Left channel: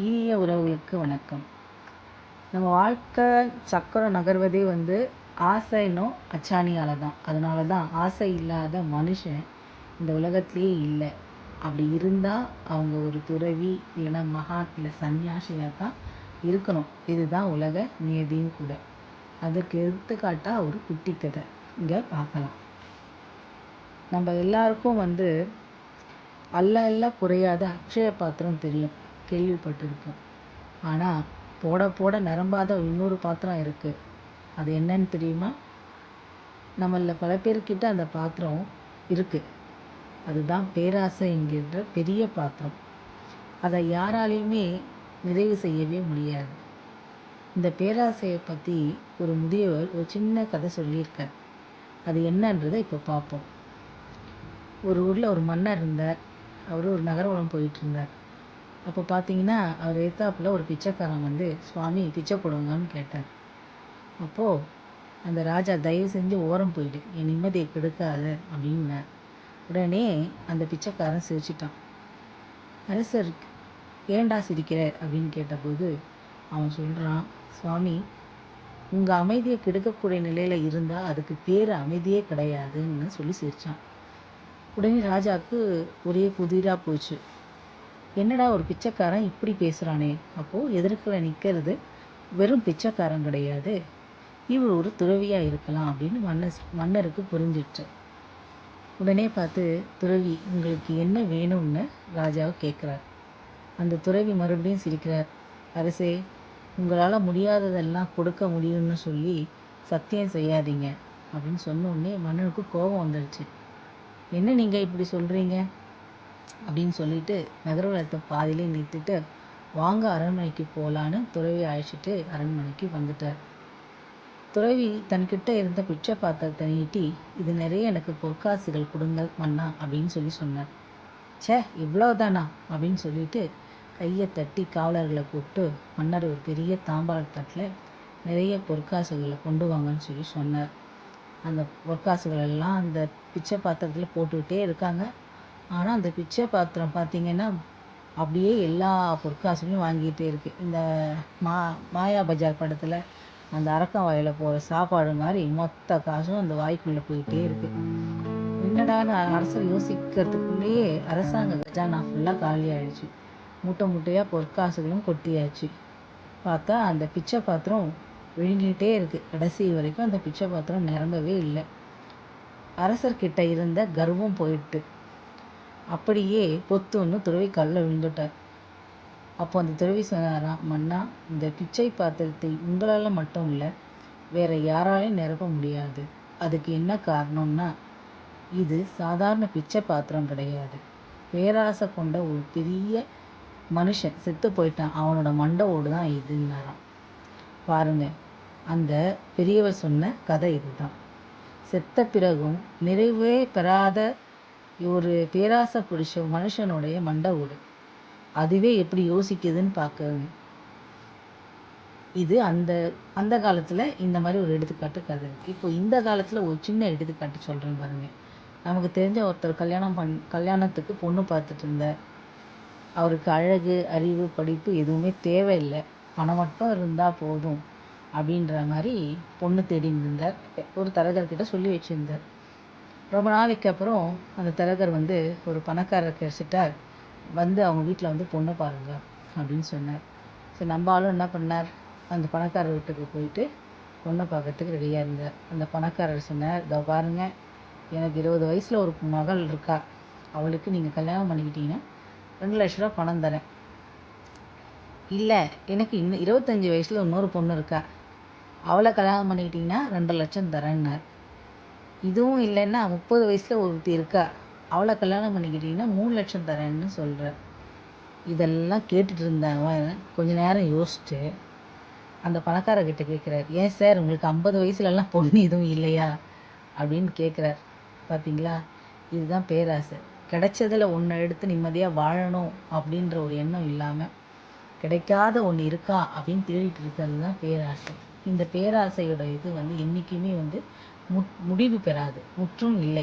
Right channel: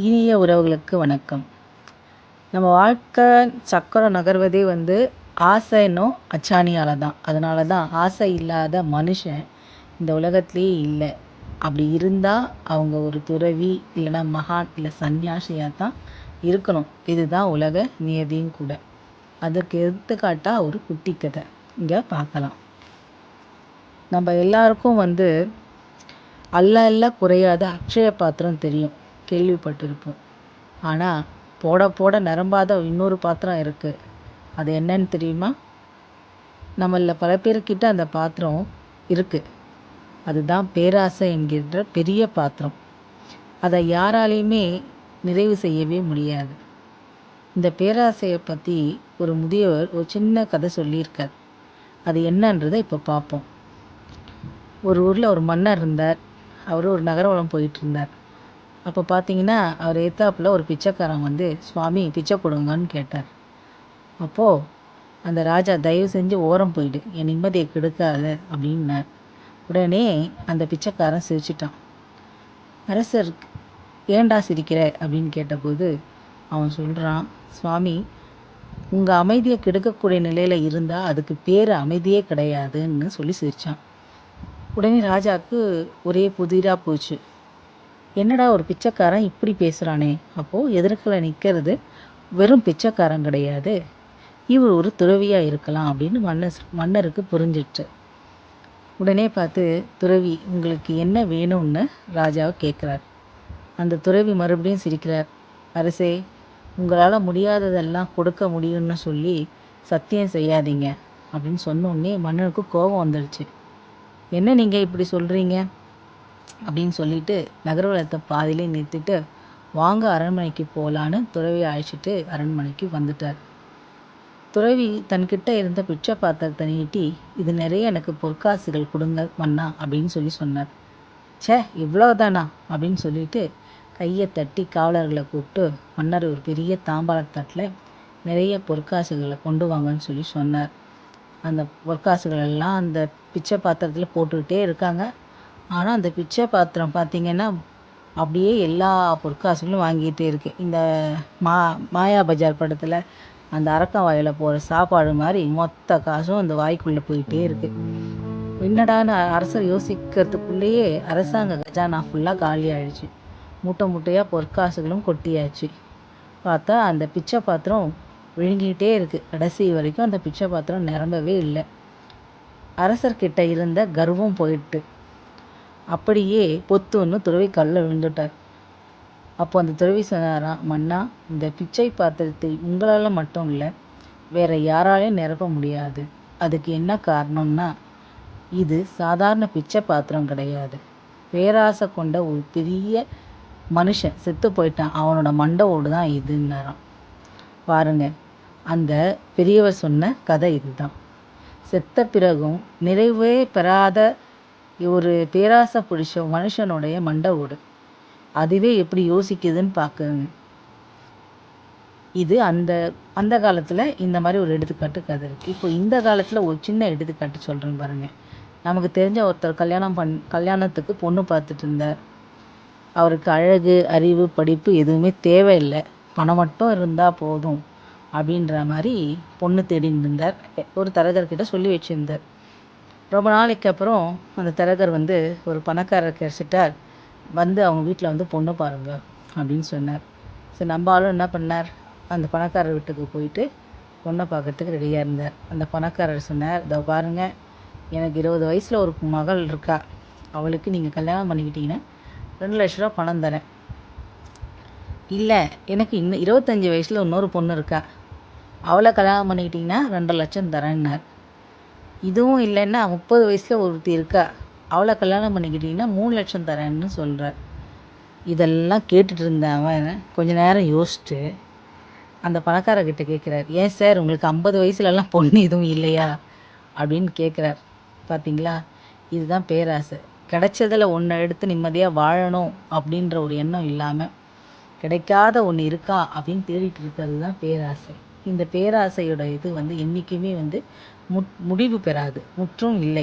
இனிய உறவுகளுக்கு வணக்கம். நம்ம வாழ்க்கை சக்கரம் நகர்வதே ஆசைன்னும் அச்சாணியால் தான். அதனால தான் ஆசை இல்லாத மனுஷன் இந்த உலகத்திலேயே இல்லை. அப்படி இருந்தால் அவங்க ஒரு துறவி, இல்லைன்னா மகான், இல்லை சன்னியாசியாக தான் இருக்கணும். இதுதான் உலக நியதியும் கூட. அதுக்கு எடுத்துக்காட்டாக ஒரு குட்டி கதை இங்கே பார்க்கலாம். நம்ம எல்லாருக்கும் அல்ல அல்ல குறையாத அக்ஷய பாத்திரம் தெரியும், கேள்விப்பட்டிருப்போம். ஆனால் போட போட நிரம்பாத இன்னொரு பாத்திரம் இருக்குது. அது என்னன்னு தெரியுமா? நம்மள பல பேர்கிட்ட அந்த பாத்திரம் இருக்குது. அதுதான் பேராசை என்கின்ற பெரிய பாத்திரம். அதை யாராலையுமே நிறைவு செய்யவே முடியாது. இந்த பேராசையை பற்றி ஒரு முதியவர் ஒரு சின்ன கதை சொல்லியிருக்கார். அது என்னன்றதை இப்போ பார்ப்போம். ஒரு ஊரில் ஒரு மன்னர் இருந்தார். அவர் ஒரு நகரவலம் போயிட்டு இருந்தார். அப்போ பார்த்தீங்கன்னா, அவர் எதிர்த்தாப்புல ஒரு பிச்சைக்காரன் சுவாமி பிச்சை கொடுங்கன்னு கேட்டார். அப்போது அந்த ராஜா, தயவு செஞ்சு ஓரம் போயிடு, என் நிம்மதியை கெடுக்காத அப்படின்னார். உடனே அந்த பிச்சைக்காரன் சிரிச்சிட்டான். அரசர், ஏண்டா சிரிக்கிற அப்படின்னு கேட்டபோது அவன் சொல்கிறான், சுவாமி, உங்கள் அமைதியை கெடுக்கக்கூடிய நிலையில் இருந்தால் அதுக்கு பேர் அமைதியே கிடையாதுன்னு சொல்லி சிரித்தான். உடனே ராஜாவுக்கு ஒரே புதிராக போச்சு. என்னடா ஒரு பிச்சைக்காரன் இப்படி பேசுகிறானே, அப்போது எதிர்க்கில் நிற்கிறது வெறும் பிச்சைக்காரன் கிடையாது, இவர் ஒரு துறவியாக இருக்கலாம் அப்படின்னு மன்னருக்கு புரிஞ்சிடுச்சு. உடனே பார்த்து, துறவி, உங்களுக்கு என்ன வேணும்னு ராஜாவை கேட்குறார். அந்த துறவி மறுபடியும் சிரிக்கிறார். அரசே, உங்களால் முடியாததெல்லாம் கொடுக்க முடியும்னு சொல்லி சத்தியம் செய்யாதீங்க அப்படின்னு சொன்னோடனே மன்னருக்கு கோபம் வந்துடுச்சு. என்ன நீங்கள் இப்படி சொல்கிறீங்க அப்படின்னு சொல்லிட்டு நகர்வலத்தை பாதியிலே நிறுத்திட்டு, வாங்க அரண்மனைக்கு போகலான்னு துறவியை அழைச்சிட்டு அரண்மனைக்கு வந்துட்டார். துறவி தன்கிட்ட இருந்த பிச்சை பாத்திரத்தை நீட்டி, இது நிறைய எனக்கு பொற்காசுகள் கொடுங்க மன்னா அப்படின்னு சொல்லி சொன்னார். சே, இவ்வளவுதானா அப்படின்னு சொல்லிட்டு கையை தட்டி காவலர்களை கூப்பிட்டு மன்னர் ஒரு பெரிய தாம்பாளத்தட்டில் நிறைய பொற்காசுகளை கொண்டு வாங்கன்னு சொல்லி சொன்னார். அந்த பொற்காசுகள் எல்லாம் அந்த பிச்சை பாத்திரத்தில் போட்டுக்கிட்டே இருக்காங்க. ஆனால் அந்த பிச்சை பாத்திரம் பார்த்திங்கன்னா அப்படியே எல்லா பொற்காசுகளும் வாங்கிட்டே இருக்குது. இந்த மாயா பஜார் படத்தில் அந்த அரக்கன் வாயில் போகிற சாப்பாடு மாதிரி மொத்த காசும் அந்த வாய்க்குள்ளே போயிட்டே இருக்குது. என்னடான்னு அரசர் யோசிக்கிறதுக்குள்ளேயே அரசாங்க கஜானா ஃபுல்லாக காலி ஆயிடுச்சு. மூட்டை மூட்டையாக பொற்காசுகளும் கொட்டியாச்சு. பார்த்தா அந்த பிச்சை பாத்திரம் விழுங்கிக்கிட்டே இருக்குது. கடைசி வரைக்கும் அந்த பிச்சை பாத்திரம் நிரம்பவே இல்லை. அரசர்கிட்ட இருந்த கர்வம் போயிட்டு அப்படியே பொத்துன்னு துறவி கல்லில் விழுந்துட்டார். அப்போ அந்த துறவி சொன்னாராம், மன்னா, இந்த பிச்சை பாத்திரத்தை உங்களால் மட்டும் இல்லை, வேற யாராலையும் நிரப்ப முடியாது. அதுக்கு என்ன காரணம்னா, இது சாதாரண பிச்சை பாத்திரம் கிடையாது. பேராசை கொண்ட ஒரு பெரிய மனுஷன் செத்து போயிட்டான், அவனோட மண்டை ஓடு தான் இதுன்னாராம். பாருங்க, அந்த பெரியவர் சொன்ன கதை இதுதான். செத்த பிறகும் நிறைவே பெறாத ஒரு பேராசை பிடிச்ச மனுஷனுடைய மண்டை ஓடு, அதுவே எப்படி யோசிக்குதுன்னு பார்க்குங்க. இது அந்த காலத்தில் இந்த மாதிரி ஒரு எடுத்துக்காட்டு கதை இருக்குது. இப்போ இந்த காலத்தில் ஒரு சின்ன எடுத்துக்காட்டு சொல்கிறேன் பாருங்க. நமக்கு தெரிஞ்ச ஒருத்தர் கல்யாணத்துக்கு பொண்ணு பார்த்துட்டு இருந்தார். அவருக்கு அழகு, அறிவு, படிப்பு எதுவுமே தேவையில்லை, பணம் மட்டும் இருந்தால் போதும் அப்படின்ற மாதிரி பொண்ணு தேடின்னு இருந்தார். ஒரு தரகர்கிட்ட சொல்லி வச்சுருந்தார். ரொம்ப நாளைக்கு அப்புறம் அந்த தரகர் ஒரு பணக்காரர் கிடைச்சிட்டார். அவங்க வீட்டில் பொண்ணு பாருங்க அப்படின்னு சொன்னார். சரி, நம்ம ஆளும் என்ன பண்ணார், அந்த பணக்காரர் வீட்டுக்கு போயிட்டு பொண்ணை பார்க்கறதுக்கு ரெடியாக இருந்தார். அந்த பணக்காரர் சொன்னார், இதோ பாருங்க, எனக்கு 20 வயசில் ஒரு மகள் இருக்கா, அவளுக்கு நீங்கள் கல்யாணம் பண்ணிக்கிட்டீங்கன்னா 2 லட்ச ரூபா பணம் தரேன். இல்லை, எனக்கு இன்னும் 25 வயசில் இன்னொரு பொண்ணு இருக்கா, அவளை கல்யாணம் பண்ணிக்கிட்டிங்கன்னா 2 லட்சம் தரேன்னார். இதுவும் இல்லைன்னா 30 வயசில் ஒருத்தி இருக்கா, அவளை கல்யாணம் பண்ணிக்கிட்டிங்கன்னா 3 லட்சம் தரேன்னு சொல்கிறார். இதெல்லாம் கேட்டுட்டு இருந்தேன். அவன் கொஞ்ச நேரம் யோசிச்சுட்டு அந்த பணக்காரர்கிட்ட கேட்குறார், ஏன் சார், உங்களுக்கு 50 வயசுலலாம் பொண்ணு எதுவும் இல்லையா அப்படின்னு கேட்குறார். பார்த்தீங்களா, இதுதான் பேராசை. கிடைச்சதில் ஒன்று எடுத்து நிம்மதியாக வாழணும் அப்படின்ற ஒரு எண்ணம் இல்லாமல் கிடைக்காத ஒன்று இருக்கா அப்படின்னு தேடிட்டு இருக்கிறது தான் பேராசை. இந்த பேராசையோட இது என்றைக்குமே முடிவு பெறாது, முற்றும் இல்லை.